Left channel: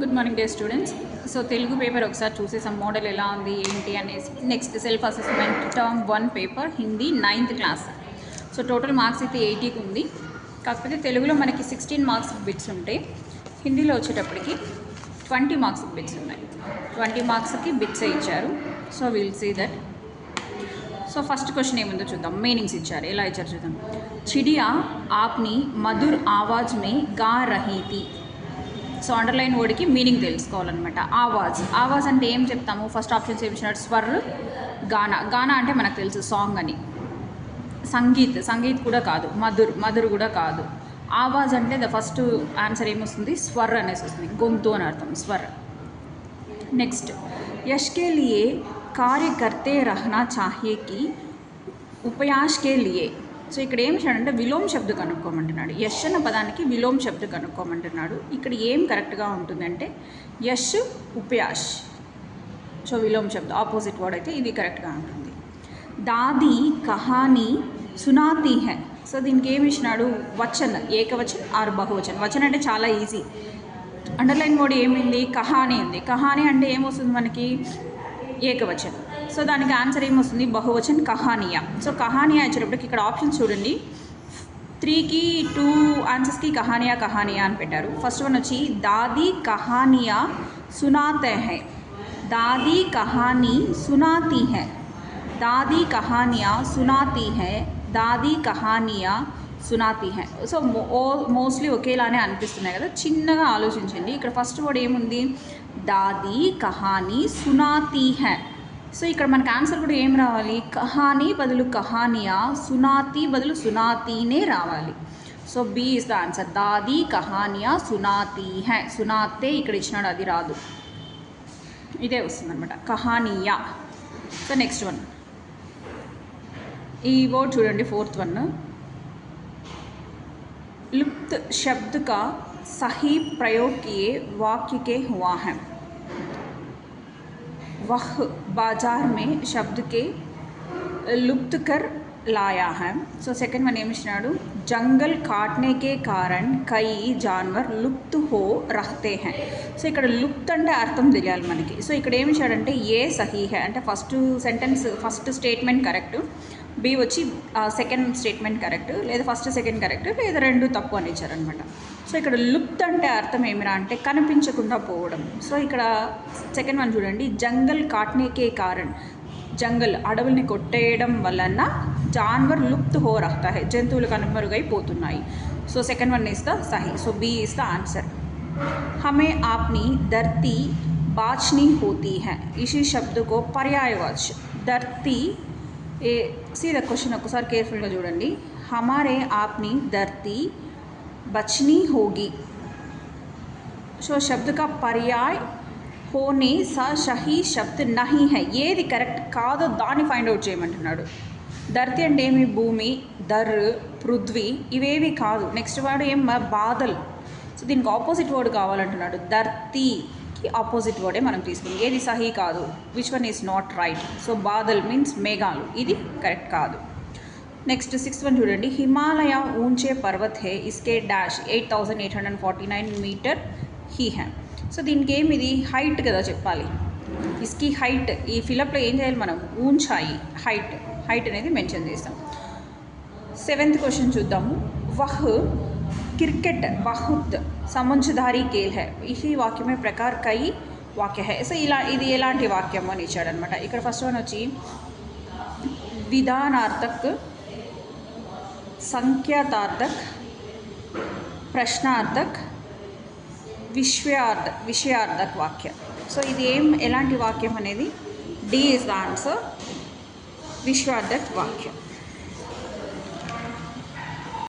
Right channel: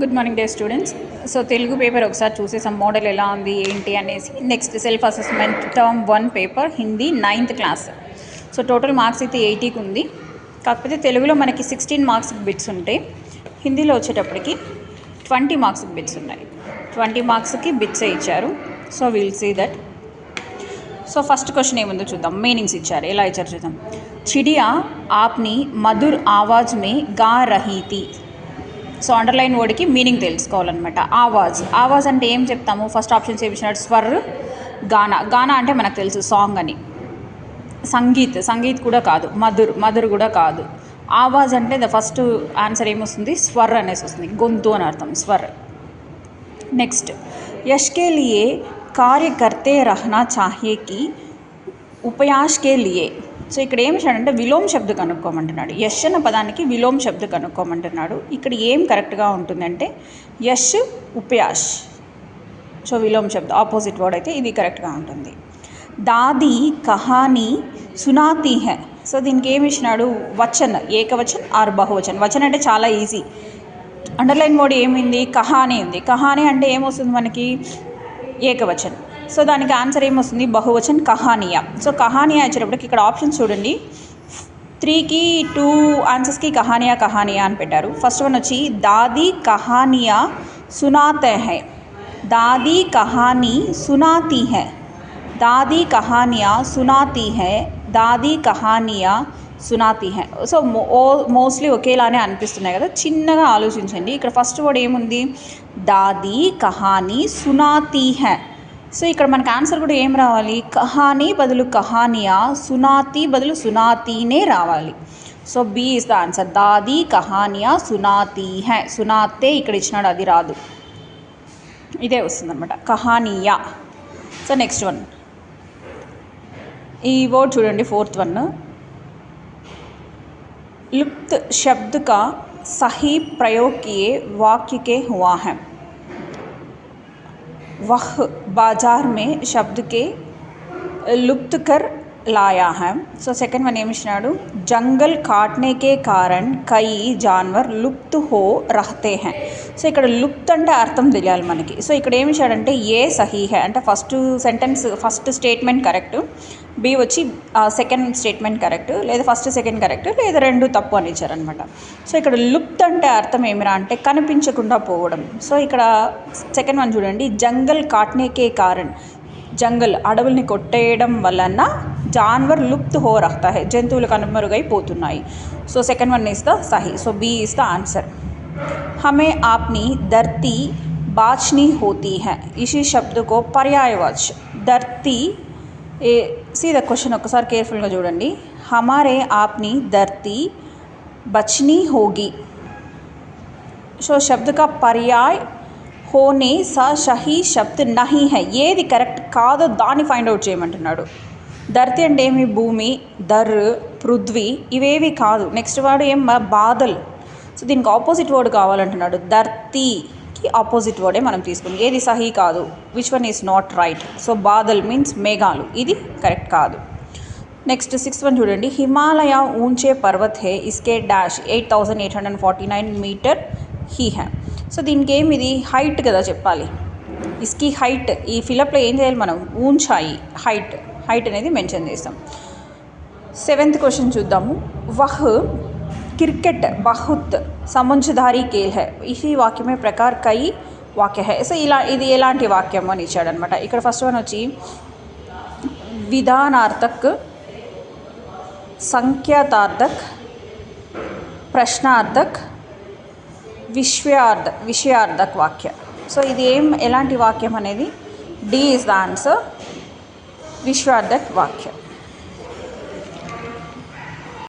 Good morning day students. So Telugu paper ఒకసారి చూసేసాం, model ఎలా ఉంది ఏంటి అనేసి. Next self assessment term 1 paper Hindi 9th class. So total marks అయితే 80కి ఉంది. కాకపోతే తెలుగులో మనకి 16 మార్క్స్ బిట్స్ ఉంటాయి, హిందీలో వచ్చేటప్పటికి 20 మార్క్స్ బిట్స్ ఉన్నాయి. 20 మార్క్స్కి బిట్సే ఇచ్చారు. So will see that. So first question ఏముందో చూద్దాం. మీనింగ్స్ ఇచ్చారు, ఎలా ఇచ్చారు చూద్దాం. చిడియా ఆప్ని మధుర్ ఆవాజ్ మే గా రహీ థీ. సో అండర్లైన్ వర్డ్కి మీనింగ్ తెలుసుకోవాలన్నమాట. ఆవాజ్ అంటే ఏం చెప్తాము? ఫస్ట్ ఆప్షన్స్ ఏమి ఇచ్చినాడు? స్వర్, గానా అంటే మనకు తెలుసు సాంగ్ అని. సంగీత్ కూడా కాదు, మధుర్ కూడా కాదు. ఆవాజ్ అంటే ద ఫస్ట్ ఆన్సర్ ఏమొస్తుంది? స్వర్ అనేసి వస్తుంది, గొంతు అని అర్థం, స్వర్. నెక్స్ట్, యష్ కే లియే కార్య కర్తే రహనా చాహియే కి ఉపయాష్ కే లియే. సో ఇక్కడ ఏం చేయాలంటే విలోమ్ శబ్ద కనుక్కోమంటున్నాడు. యష్ అన్న పదానికి విలోమ్ శబ్ద కనుక్కోమంటున్నాడు. ఇక్కడ ఏం కరెక్ట్గా ఉంటుందంటే యష్, ఉపయాష్. సో విలోమ్ శబ్ద ఆపోజిట్ వర్డ్ అయితే ఇది కరెక్ట్గా ఉంటుంది. దాది కహానీ సునాతీ హై. సో దీనికి ఏమి ఇచ్చినాడు? వచన్, ఏకవచన్ ఆర్ బహువచన్. వచన్ అంటే చాలా ఈజీ. అండర్లైన్ వర్డ్ ఏమింది? కహానీ ఉంది. కహానీ అంటే ఏమొస్తుంది మనకి? ఏకవచన్. సో దానికి ఆన్సర్ ఏమొస్తుంది? బహువచన్ కహానియా. సో కహానియా వచ్చేటప్పటికి ఇక్కడ ఆప్షన్స్ చూడండి. 3కి 2 ఆన్సర్స్కి కహానియా అని పెట్టారు. ఫస్ట్ వన్ వచ్చి దాదీ కహానియా సునాతే హై. దాదీ కహానీ సునాతీ హై. దాదీ కహానియా సునాతీ హై. దాదీ కహానియా సునాతీ హై. సో మోస్ట్లీ ఒకేలానే అనిపిస్తున్నాయి కదా, చిన్నగా ఆలోచించండి. ఇక్కడ ఫస్ట్ వర్డ్ ఏముంది? దాదీ కహానీ సునాతీ హై. సో ఇక్కడ మనకు ఆన్సర్ కూడా ఏం రావాలి? కహానీ బదులు కహానియా, సునాతీ బదులు సునాతీనే రావాలి. So B is the answer. దాదీ కహానియా సునాతీ హై. సునాతే ఇక్కడ ఇచ్చినాడు, అది రాదు, ఇదే వస్తుందన్నమాట, కహానియా. సో నెక్స్ట్ వన్, ఈ వర్డ్ చూడండి, 4th వన్. लुप्त शब्द का सही प्रयोग किए वाक्य के हुआ है. वह बाजार में शब्द के लुप्त कर लाया है. సో సెకండ్ వన్ ఏమి ఇచ్చినాడు? జంగల్ కాట్నే కే కారణ్ కై జాన్వర్ లుప్త్ హో రహతే హై. సో ఇక్కడ లుప్త్ అంటే అర్థం తెలియాలి మనకి. సో ఇక్కడ ఏమి ఇచ్చాడంటే ఏ సహీ హై అంటే first sentence, first statement correct, B వచ్చి సెకండ్ స్టేట్మెంట్ కరెక్ట్, లేదా ఫస్ట్ సెకండ్ కరెక్ట్, లేదా రెండు తప్పు అని ఇచ్చారనమాట. సో ఇక్కడ లుప్త్ అంటే అర్థం ఏమిరా అంటే కనిపించకుండా పోవడం. సో ఇక్కడ సెకండ్ వన్ చూడండి, జంగల్ కాట్నేకే కారణ్, జంగల్ అడవుల్ని కొట్టేయడం వలన జాన్వర్ లుప్త్ హో రహతా హై, జంతువులు కనుమరుగైపోతున్నాయి. So second one is the సహీ. So B is the answer. हमें आपनी धरती बाचनी होती है. इसी शब्द को पर्यायवाच धरती. सी द क्वेश्चन ఒకసారి కేర్ఫుల్గా చూడండి. हमारे आपनी धरती बचनी होगी. సో शब्द का पर्याय होने सा सही शब्द नहीं है. ఏది కరెక్ట్ కాదో దాన్ని ఫైండ్ అవుట్ చేయమంటున్నాడు. ధరతి అంటే ఏమి? భూమి, ధర్, పృథ్వీ, ఇవేవి కాదు. నెక్స్ట్ వాడు ఏం? బాదల్. సో దీనికి ఆపోజిట్ వర్డ్ కావాలంటున్నాడు. ధర్తీకి ఆపోజిట్ వర్డే మనం తీసుకుని, ఏది సహీ కాదు, which one is not right. So బాదల్ మీన్స్ మేఘాలు, ఇది కరెక్ట్ కాదు. నెక్స్ట్ 6th వన్ చూడండి. హిమాలయ ఊంచే పర్వత్ హే, ఇస్కే డాష్ 8849 మీటర్ హీ హై. సో దీనికి ఏమి? ఇది హైట్ కదా చెప్పాలి. ఇస్కి హైట్, ఈ ఫిలప్లో ఏం చేయాలి మనం? ఊంచాయి, హైట్ అనేది మెన్షన్ చేస్తాం. 7th క్వశ్చన్ చూద్దాము. వహ్ क्रिकेट बहुत समझदारी खेल है. इसी वाक्य में प्रकार कई वाक्य है. సో ఇది ఎలాంటి వాక్యం అని ఇచ్చాడనమాట. ఇక్కడ ఫస్ట్ వన్ వచ్చి విధానార్థక్, సంఖ్యాతార్థక్, ప్రశ్నార్థక్, విషయార్థక్ వాక్య. సో ఇది ఎలాంటి వాక్యం అనేది? డి ఇస్ ద ఆన్సర్, విశ్వార్థక్ వాక్యం.